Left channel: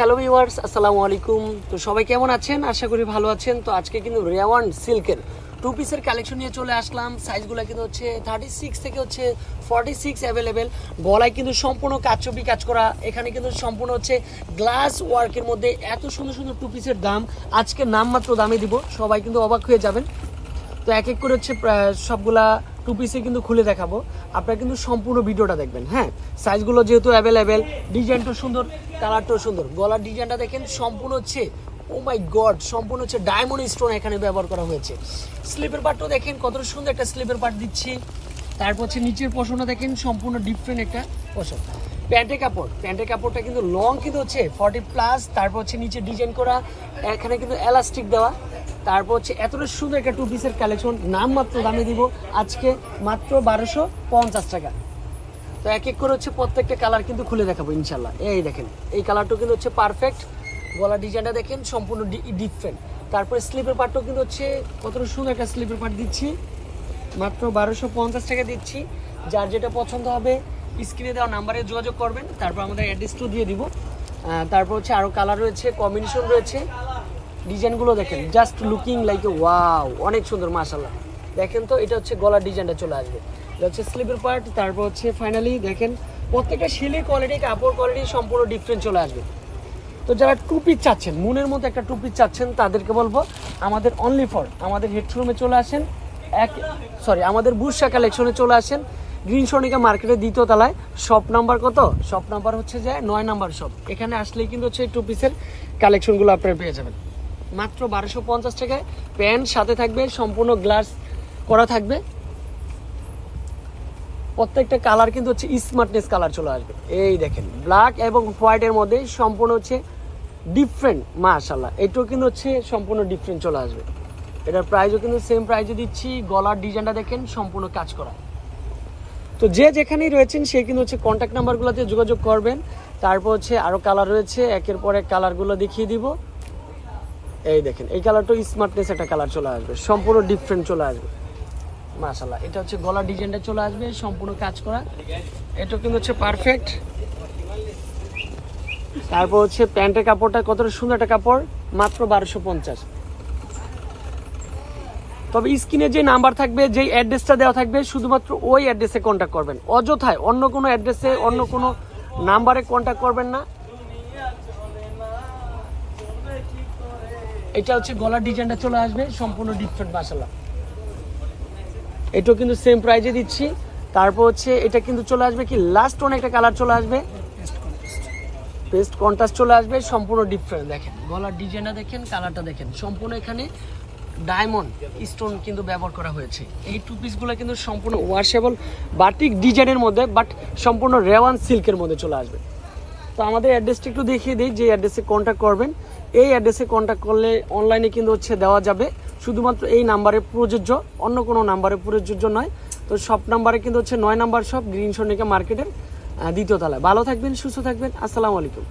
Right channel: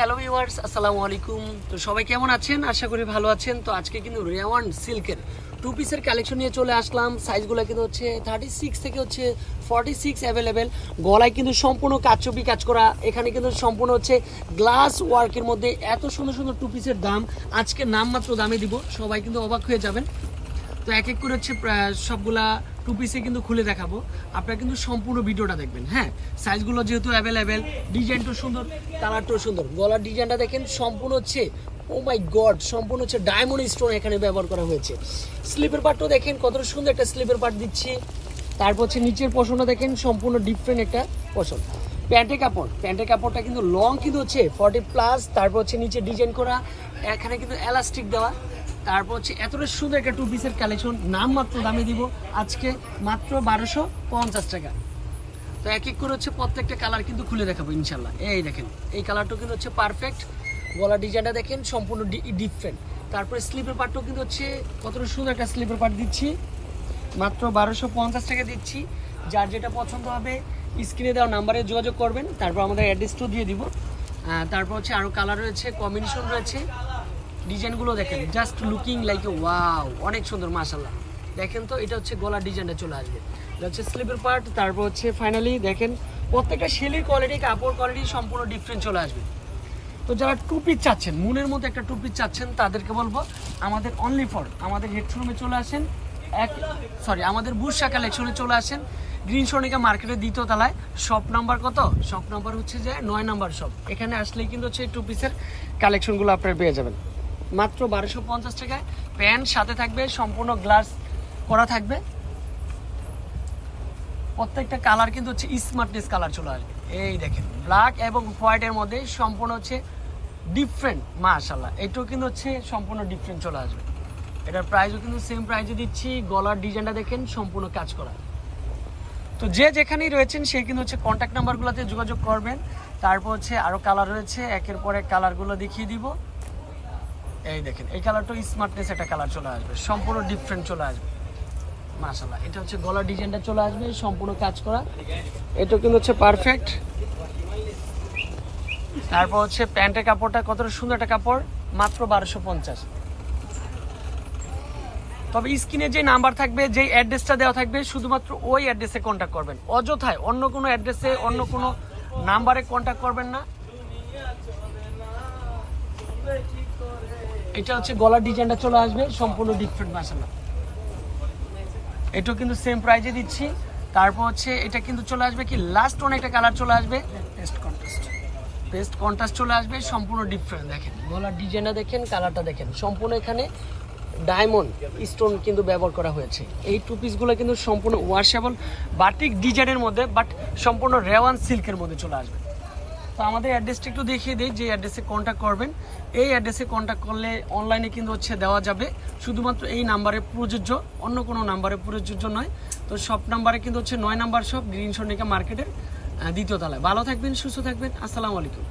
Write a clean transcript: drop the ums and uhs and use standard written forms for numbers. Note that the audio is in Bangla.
হ্যালো ভিউয়ার্স, আসসালামু আলাইকুম। তো সবাই কেমন আছেন? আশা করি ভালো আছেন। তো আজকে কিন্তু রেওয়ান সিল্কের টু পিসের কালেকশন নিয়ে চলে আসলাম। সাইজগুলো কিন্তু হচ্ছে 36 থেকে হচ্ছে 46 অ্যাভেলেবেল। গলায় কিন্তু সম্পূর্ণ কাচচুপি কাজ করা, এখানে কিন্তু সম্পূর্ণ হচ্ছে গ্লাস ওয়ার্কের মধ্যে এত সুন্দর সুন্দর টু পিসের দাম আজকে নামমাত্র দামে দিব, সবাই কিন্তু অবাক হয়ে যাবেন। তো এক এক করে হচ্ছে সবগুলা টু পিসে কিন্তু খুলে দেখাবো, আপনারা কিন্তু সম্পূর্ণ ভিডিওটা দেখবেন। হ্যাঁ, সাইজগুলো যেহেতু অ্যাভেলেবেল, ডিজাইনটা সুন্দর, কালারটাও সুন্দর। গলার ডিজাইনটা দেখেন সম্পূর্ণ হচ্ছে ও মাই গড, সম্পূর্ণ হচ্ছে ডায়মন্ড স্টোন এখানে ব্যবহার করা হয়েছে। স্লিপের পার্টটাও দেখেন কত সুন্দর একটা স্লিপের পার্ট দিচ্ছি। তারপর হচ্ছে নিচের পোর্শনটা দেখেন সম্পূর্ণ ডিফারেন্ট একটা পোর্শন। প্যান্টের কাপড়টা কিন্তু লং কিন্তু হচ্ছে 40+। তারপর হচ্ছে নিচে ডিজাইন করা, এখানে কিন্তু এলাস্টিক দেওয়া। তারপর হচ্ছে এতটা সুন্দর একটা টু পিসের কালেকশন নামমাত্র দামে দিব আজকে মাত্র 1250 টাকা। তো এক এক করে হচ্ছে প্রত্যেকটা কালার কিন্তু খুলে দেখাবো ইনশাল্লাহ। এই দেখেন, এই কালারটা কিন্তু হচ্ছে পারফেক্ট। গলার ডিজাইনটা দেখেন সম্পূর্ণ ডিফারেন্ট। তারপরে স্লিপের পার্টটাও কিন্তু হচ্ছে কতটা সুন্দর একটা স্লিপের পার্ট দিচ্ছি, মাত্র 1250 টাকা দিচ্ছি। যার যেটা পছন্দ হবে স্ক্রিনে দেওয়া নাম্বারে যোগাযোগ করবেন, তারপর আমাদের অ্যাড্রেসটাও দিয়ে দিব। তারপর হচ্ছে আরও কালার রয়েছে, কম্বিনেশন রয়েছে। ডিজাইনগুলো দেখেন, just looking like a wow, অনেক সুন্দর মাশাআল্লাহ। দেখেন তো, এটা হচ্ছে গলার ডিজাইনটা চলে আসবে, এটা হচ্ছে স্লিপের পার্ট। তারপর হচ্ছে ফাইনালি দেখেন প্রত্যেকটা শেলের কোয়ালিটি, কাপড় কোয়ালিটি সম্পূর্ণ ডিফারেন্ট চলে আসবে। তো যারা টু পিস চাচ্ছেন, মুনের মধ্যে একটা টু পিস চাচ্ছেন, তাদেরকে বলবো আমাদের অনলি ফর আমাদের হেডরুমে চলে আসেন, আমাদের বুশা কালেকশনে চলে আসেন। গ্রিন সনিকা মার্কেটের 2য় তলায়। শপ নাম্বার কত? শপ নাম্বার হচ্ছে যে 9 নাম্বার শপ। এখানে আসলেই কিন্তু হচ্ছে টু পিসের কালেকশনগুলো আপনারা পেয়ে যাবেন মাত্র 1250 টাকায়। প্যান্ট সাথে থাকবে, সম্পূর্ণ গ্লাস করা থাকবে। প্রত্যেকটা কালার কিন্তু হচ্ছে স্মার্টনেস কালার চলে আসবে। এই দেখেন, ব্ল্যাক এবং হোয়াইটের মধ্যে সম্পূর্ণ হচ্ছে ডিফারেন্ট মাশাআল্লাহ। এটাও কিন্তু হচ্ছে সম্পূর্ণ ডিফারেন্ট চলে আসবে। এটার প্রাইসও কিন্তু সেম প্রাইসে দিচ্ছি। গলার ডিজাইনটা দেখেন সম্পূর্ণ কাজ করা। তো যে যেখানেই রয়েছেন সে কিন্তু হচ্ছে কন্ট্যাক্ট নাম্বারগুলোতে যোগাযোগ করবেন। তারপর হচ্ছে আরো কালার রয়েছে, একের পর এক কালারগুলো দেখিয়ে দিব। এই দেখেন, এই কালারটা স্মার্টনেস একটা কালার চলে আসবে, সম্পূর্ণ ডিফারেন্ট চলে আসবে মাশাআল্লাহ। এটা হচ্ছে গলার ডিজাইনটা চলে আসবে সম্পূর্ণ কাজ করা, এটা কিন্তু হচ্ছে পারফেক্ট। তারপর হচ্ছে প্যান্টের কাপড়টা কত সুন্দর একটা কাপড়, মাত্র 1250। তবে স্ক্রিনে যে নাম্বার থাকবে, যে অ্যাড্রেসটা দেওয়া থাকবে, শুধুমাত্র ওই অ্যাড্রেসে কন্ট্যাক্ট করবেন। অযথায় অন্য কোনো অ্যাড্রেসে, অন্য কোনো নাম্বারে কন্ট্যাক্ট করবেন না। এটা হচ্ছে গলার ডিজাইনটা চলে আসবে সম্পূর্ণ ডিফারেন্ট মাশাআল্লাহ। এটাও কিন্তু সেম প্রাইজে দিচ্ছি। তারপর হচ্ছে এটা কিন্তু চলে আসবে কি লাস্ট ওয়ান একটা কালার চলে আসবে, পেস্ট কন্ট্রাস্ট চলে আসবে, সম্পূর্ণ ডিফারেন্ট। দেখেন গলার ডিজাইনটা দেখেন, কালারটা দেখেন, সম্পূর্ণ এখানে ডায়মন্ড স্টোন কিন্তু ব্যবহার করা হয়েছে। এই টু পিসগুলো কিন্তু সম্পূর্ণ ওয়াশেবল বাটিক ডিজাইনের মধ্যে, বাট সম্পূর্ণ রেওয়ান সিল্কের মধ্যে চলে আসবে। তো আমাদের অ্যাড্রেসটা একটু দেখিয়ে দিই, যে অ্যাড্রেসে কন্ট্যাক্ট করবেন। এই অ্যাড্রেসে কন্ট্যাক্ট করলে অনলাইনে কিন্তু হচ্ছে দেওয়া যাবে, শুধুমাত্র এই নাম্বারে প্রযোজ্য, অন্য কোনো নাম্বারে প্রযোজ্য নয়। তো শপ নাম্বারে কিন্তু হচ্ছে 9 নাম্বার শপ, গ্রিন সনিকা মার্কেটের 2য় তলায়। ভালো থাকবেন, সুস্থ থাকবেন, আসসালামু আলাইকুম।